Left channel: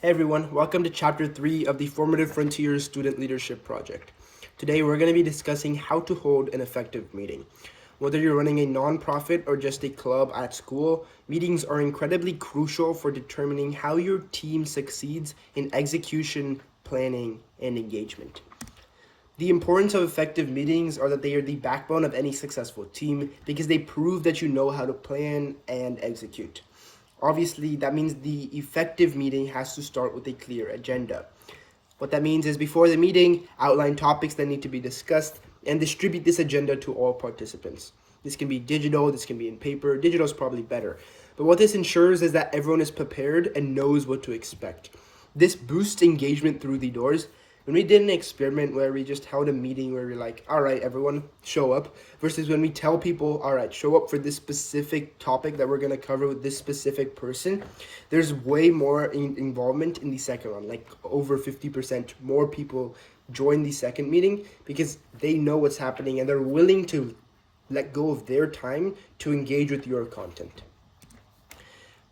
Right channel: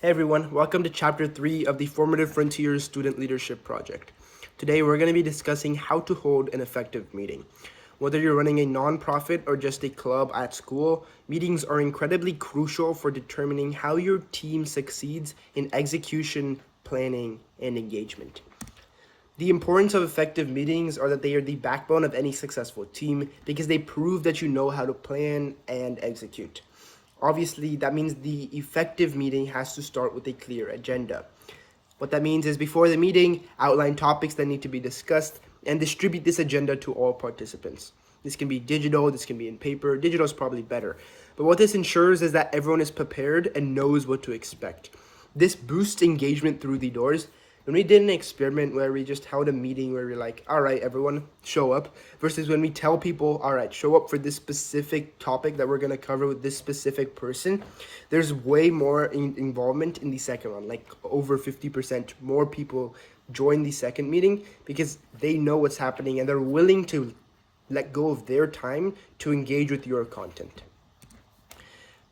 Hey everyone, welcome to Chapter 3 of the Formative Frontiers Student Leadership Project. Today we're going to be discussing how to hold an effective meeting. Whether you're running a nonprofit or just a club at school, meetings are incredibly crucial for determining how your team succeeds in execution, planning, and engagement. The importance of effective meetings are that they are the backbone of any successful team because they prove that you know how to plan and execute. Obviously, that means the effective meeting has to start with a clear agenda. What that means is before the meeting, outline topics that need to be discussed and distribute this agenda to all participants. This can be digital, this can be in paper. Digital is probably better. But what this ensures is that everyone is prepared and knows what to expect. This boosts engagement through the doors. When we did an experiment where we just held a meeting where we're like, all right, everyone show up, versus when we tell people, all right, show up for this specific topic that we're going to cover with this specific person, there's way more involvement in the second one, like over 50% more people join the second meeting because they know what's happening and they're willing to let go of their time to engage with your content.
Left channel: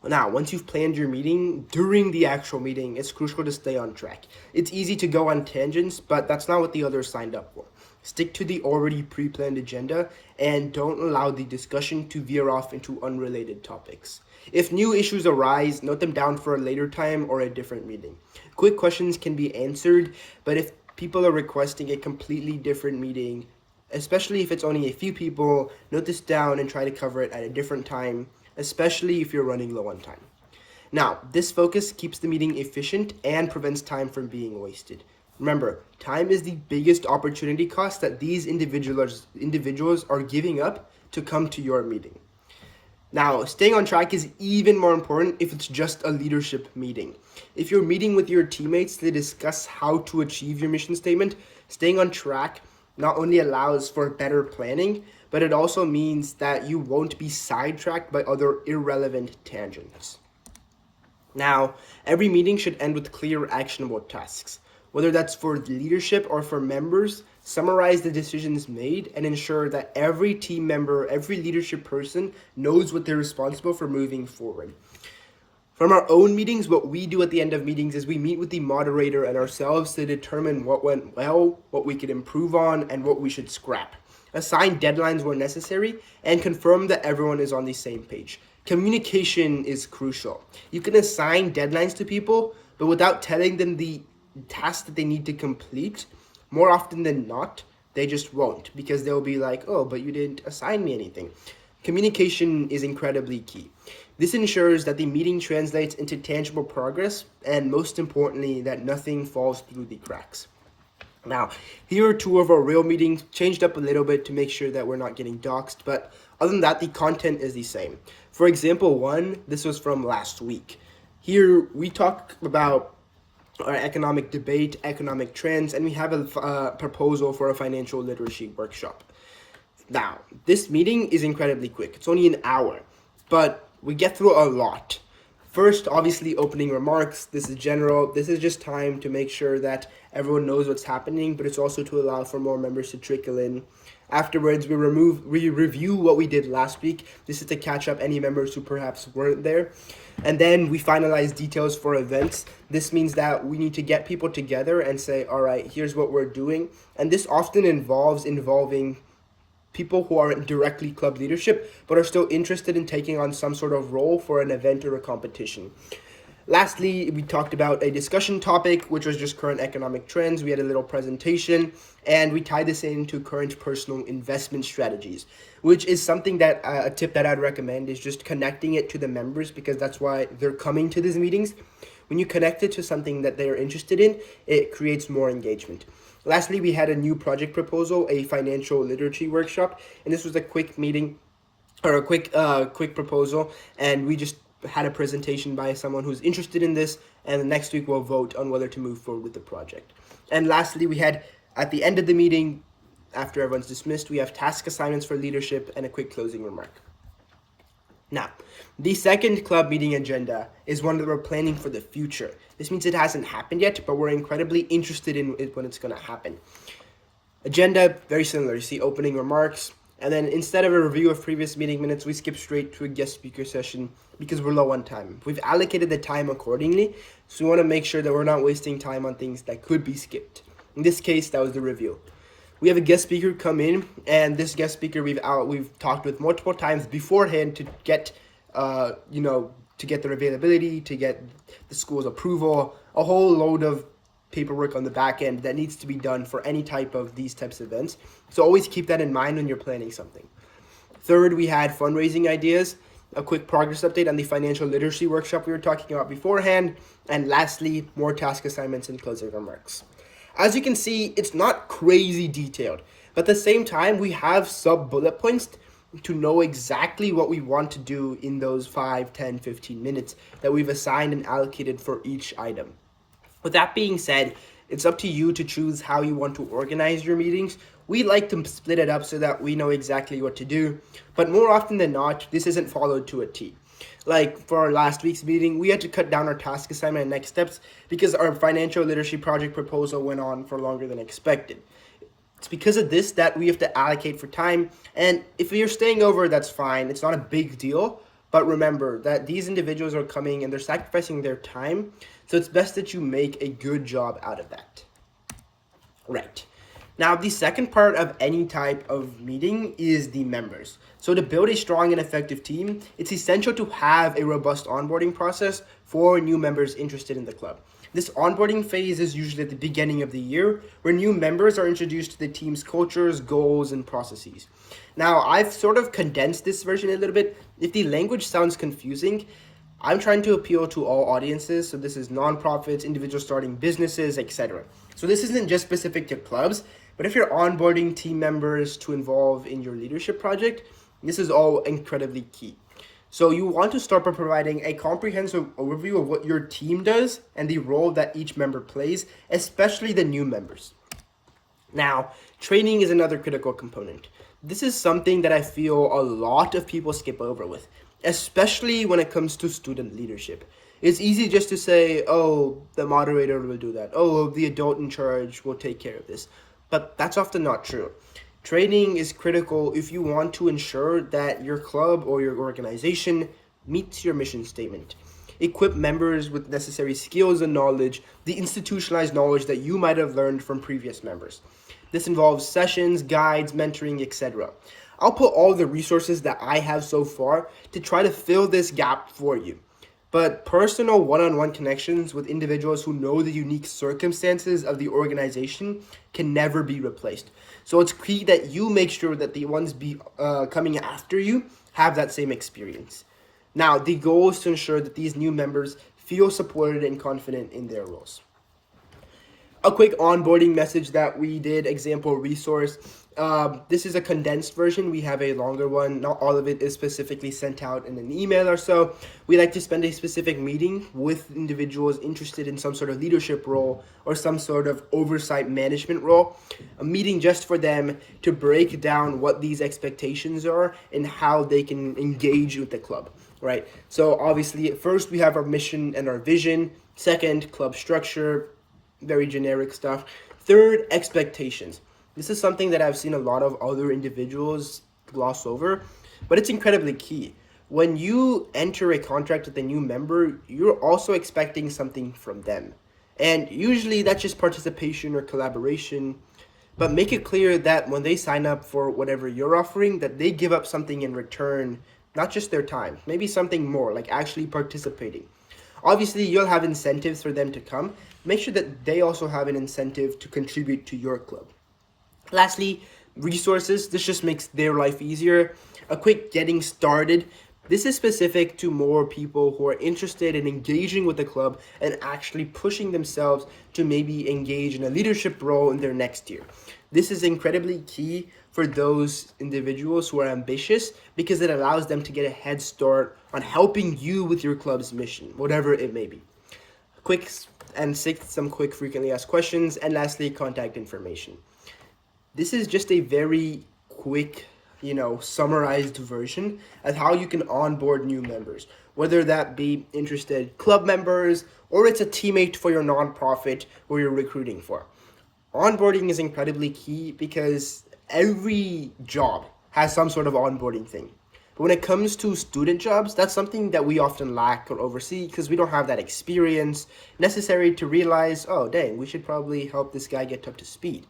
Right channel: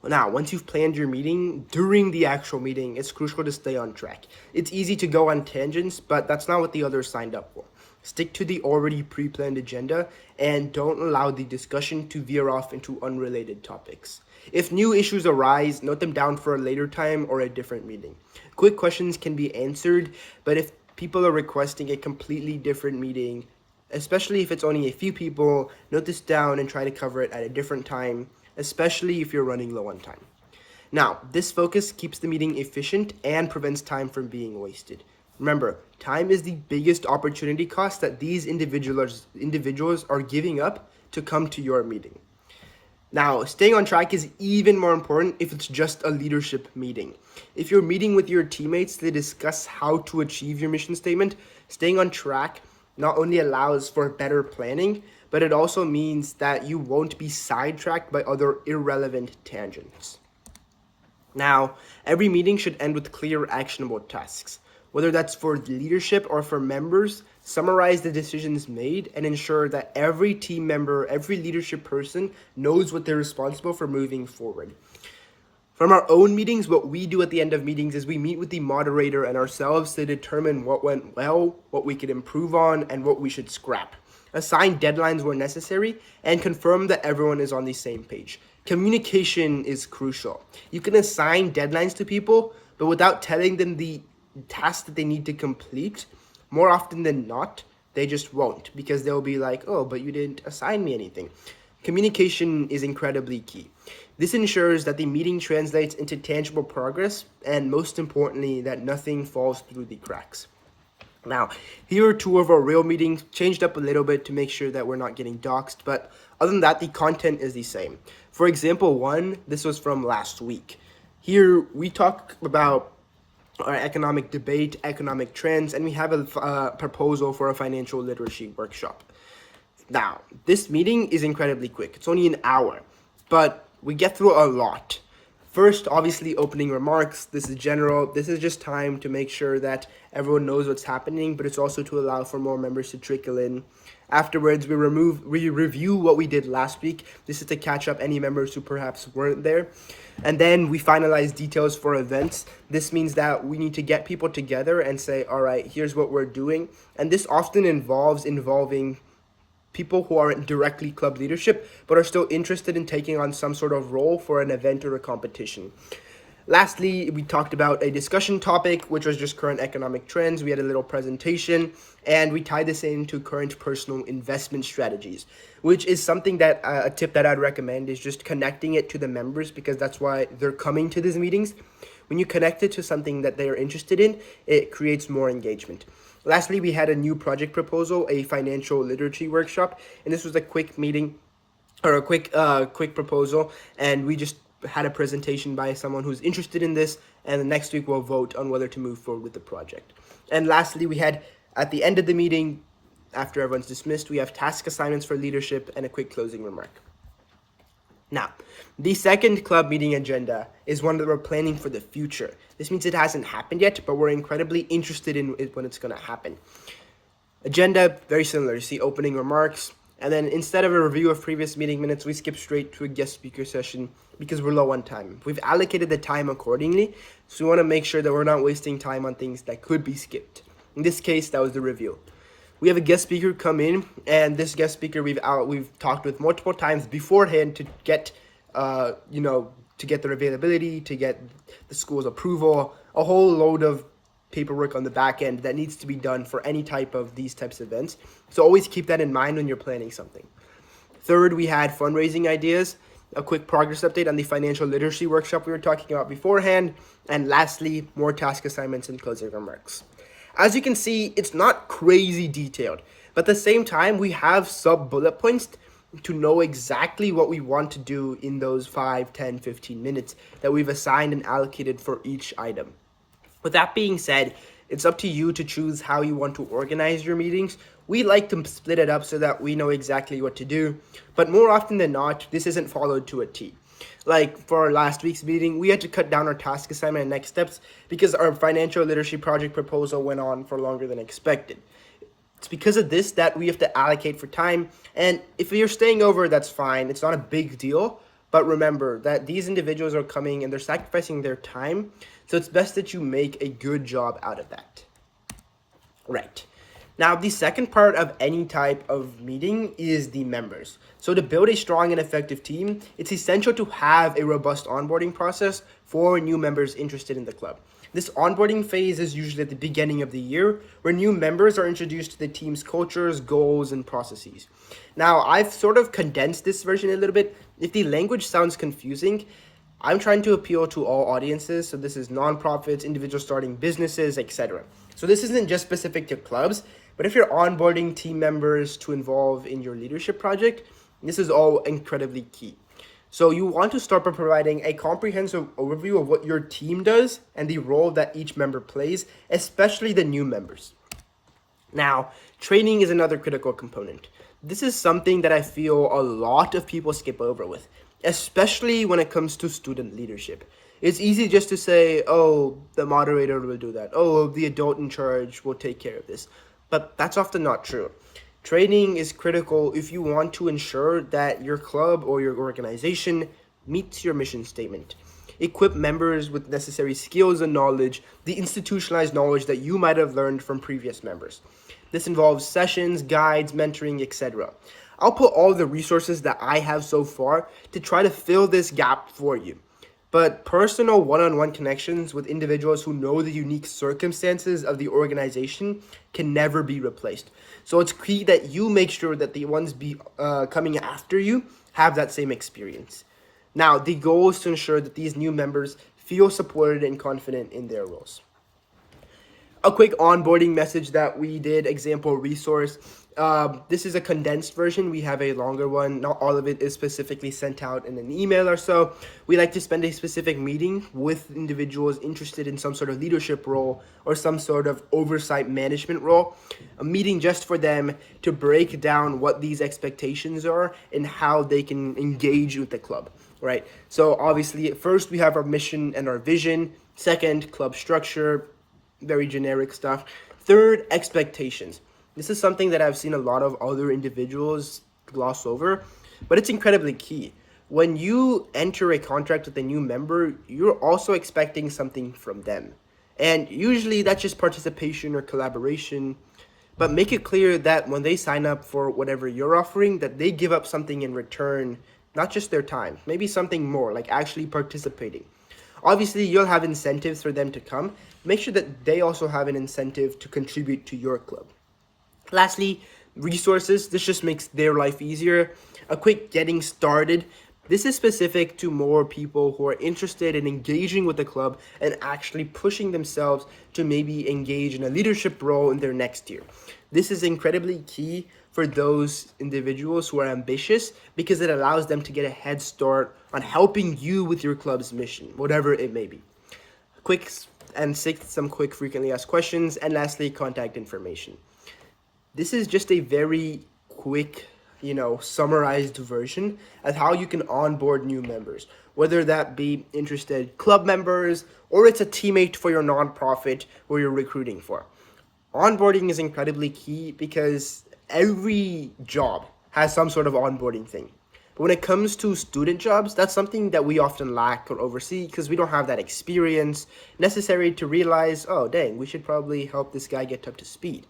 Now, once you've planned your meeting, during the actual meeting, it's crucial to stay on track. It's easy to go on tangents, but that's not what the others signed up for. Stick to the already pre-planned agenda and don't allow the discussion to veer off into unrelated topics. If new issues arise, note them down for a later time or a different meeting. Quick questions can be answered, but if people are requesting a completely different meeting, especially if it's only a few people, note this down and try to cover it at a different time, especially if you're running low on time. Now, this focus keeps the meeting efficient and prevents time from being wasted. Remember, time is the biggest opportunity cost that these individuals are giving up to come to your meeting. Now, staying on track is even more important if it's just a leadership meeting. If you're meeting with your teammates to discuss how to achieve your mission statement, staying on track not only allows for better planning, but it also means that you won't be sidetracked by other irrelevant tangents. Now, every meeting should end with clear, actionable tasks. Whether that's for leadership or for members, summarize the decisions made and ensure that every team member, every leadership person knows what they're responsible for moving forward. From our own meetings, what we do at the end of meetings is we meet with the moderator and ourselves to determine what went well, what we could improve on, and what we should scrap. Assign deadlines where necessary, and confirm that everyone is on the same page. Communication is crucial. You can assign deadlines to people, but without telling them the task that they need to complete, more often than not, they just won't, because they'll be like, oh, but you didn't assign me anything. Communication is incredibly key. This ensures that the meeting translates into tangible progress, and most importantly, that nothing falls through the cracks. Now, here are two of our real meetings, changed up a little bit to make sure that we're not getting doxxed, but other than that, the content is the same. For example, one, this was from last week. Here, we talk about our economic debate, economic trends, and we have a proposal for a financial literacy workshop. Now, this meeting is incredibly quick. It's only an hour, but we get through a lot. First, obviously, opening remarks. This is general. This is just time to make sure that everyone knows what's happening, but it's also to allow for more members to trickle in. Afterwards, we review what we did last week. This is to catch up any members who perhaps weren't there. And then we finalize details for events. This means that we need to get people together and say, all right, here's what we're doing. And this often involving people who aren't directly club leadership, but are still interested in taking on some sort of role for an event or a competition. Lastly, we talked about a discussion topic, which was just current economic trends. We had a little presentation, and we tied this into current personal investment strategies, which is something that a tip that I'd recommend is just connecting it to the members, because that's why they're coming to these meetings. When you connect it to something that they are interested in, it creates more engagement. Lastly, we had a new project proposal, a financial literacy workshop, and this was a quick meeting or a quick proposal, and we just had a presentation by someone who's interested in this, and the next week we'll vote on whether to move forward with the project. And lastly, we had at the end of the meeting, after everyone's dismissed, we have task assignments for leadership and a quick closing remark. Now, the second club meeting agenda is one that we're planning for the future. This means it hasn't happened yet, but we're incredibly interested in it when it's going to happen. Agenda, very similar. You see opening remarks, And then instead of a review of previous meeting minutes, we skip straight to a guest speaker session because we're low on time. We've allocated the time accordingly, so we want to make sure that we're not wasting time on things that could be skipped. In this case, that was the review. We have a guest speaker come in, and this guest speaker we've talked with multiple times beforehand to get to get their availability, to get the school's approval, a whole load of paperwork on the back end that needs to be done for any type of these types of events. So always keep that in mind when you're planning something. Third, we had fundraising ideas, a quick progress update on the financial literacy workshop we were talking about beforehand, and lastly, more task assignments and closing remarks. As you can see, it's not crazy detailed, but at the same time, we have sub bullet points to know exactly what we want to do in those 5, 10, 15 minutes that we've assigned and allocated for each item. With that being said, it's up to you to choose how you want to organize your meetings. We like to split it up so that we know exactly what to do, but more often than not, this isn't followed to a T. Like for our last week's meeting, we had to cut down our task assignment and next steps because our financial literacy project proposal went on for longer than expected. It's because of this that we have to allocate for time, and if you're staying over, that's fine. It's not a big deal, but remember that these individuals are coming and they're sacrificing their time, so it's best that you make a good job out of that. Right. Now, the second part of any type of meeting is the members. So to build a strong and effective team, it's essential to have a robust onboarding process for new members interested in the club. This onboarding phase is usually at the beginning of the year, where new members are introduced to the team's cultures, goals, and processes. Now, I've sort of condensed this version a little bit. If the language sounds confusing, I'm trying to appeal to all audiences. So this is nonprofits, individuals starting businesses, etc. So this isn't just specific to clubs, but if you're onboarding team members to involve in your leadership project, this is all incredibly key. So you want to start by providing a comprehensive overview of what your team does and the role that each member plays, especially the new members. Now, training is another critical component. This is something that I feel a lot of people skip over with, especially when it comes to student leadership. It's easy just to say, oh, the moderator will do that. Oh, the adult in charge will take care of this. But that's often not true. Training is critical if you want to ensure that your club or your organization meets your mission statement. Equip members with necessary skills and knowledge, the institutionalized knowledge that you might have learned from previous members. This involves sessions, guides, mentoring, etc. I'll put all the resources that I have so far to try to fill this gap for you. But personal one-on-one connections with individuals who know the unique circumstances of the organization can never be replaced. So it's key that you make sure that the ones coming after you have that same experience. Now, the goal is to ensure that these new members feel supported and confident in their roles. A quick onboarding message that we did, example resource. This is a condensed version. We have a longer one. Not all of it is specifically sent out in an email or so. We like to spend a specific meeting with individuals interested in some sort of leadership role or some sort of oversight management role. A meeting just for them to break down what these expectations are and how they can engage with the club, right? So obviously, at first we have our mission and our vision. Second, club structure, very generic stuff. Third, expectations. This is something that I've seen a lot of other individuals gloss over, but it's incredibly key. When you enter a contract with a new member, you're also expecting something from them. And usually that's just participation or collaboration, but make it clear that when they sign up for whatever you're offering, that they give up something in return, not just their time, maybe something more, like actually participating. Obviously, you'll have incentives for them to come. Make sure that they also have an incentive to contribute to your club. Lastly, resources. This just makes their life easier. A quick getting started. This is specific to more people who are interested in engaging with the club and actually pushing themselves to maybe engage in a leadership role in their next year. This is incredibly key for those individuals who are ambitious because it allows them to get a head start on helping you with your club's mission, whatever it may be. Quick and sixth, some quick frequently asked questions, and lastly, contact information. This is just a very quick, summarized version of how you can onboard new members, whether that be interested club members or it's a teammate for your nonprofit or you're recruiting for. Onboarding is incredibly key because every job has some sort of onboarding thing. But when it comes to student jobs, that's something that we often lack or oversee because we don't have that experience necessary to realize, oh, dang, we should probably help this guy get up to speed.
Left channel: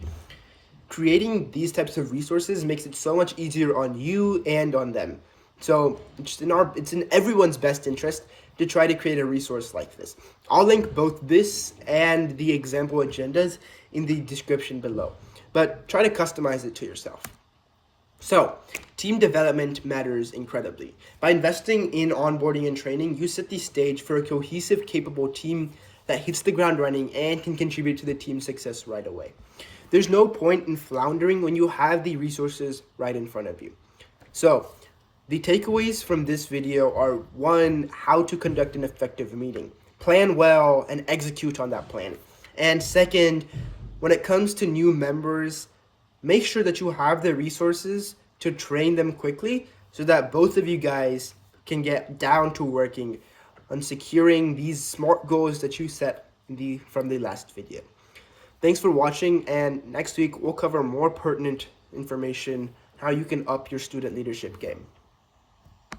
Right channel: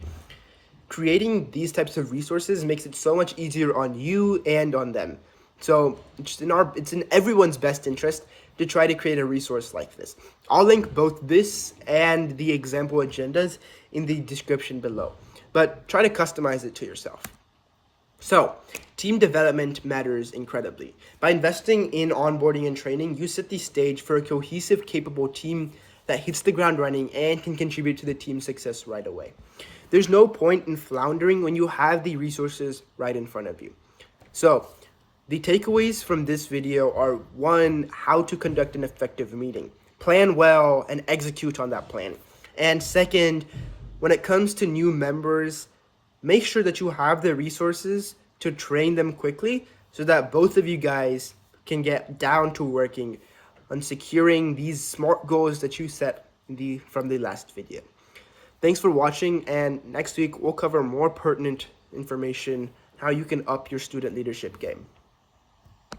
Creating these types of resources makes it so much easier on you and on them. So it's in everyone's best interest to try to create a resource like this. I'll link both this and the example agendas in the description below, but try to customize it to yourself. So, team development matters incredibly. By investing in onboarding and training, you set the stage for a cohesive, capable team that hits the ground running and can contribute to the team's success right away. There's no point in floundering when you have the resources right in front of you. So, the takeaways from this video are: 1, how to conduct an effective meeting. Plan well and execute on that plan. And 2nd, when it comes to new members, make sure that you have the resources to train them quickly so that both of you guys can get down to working on securing these SMART goals that you set from the last video. Thanks for watching, and next week we'll cover more pertinent information, how you can up your student leadership game.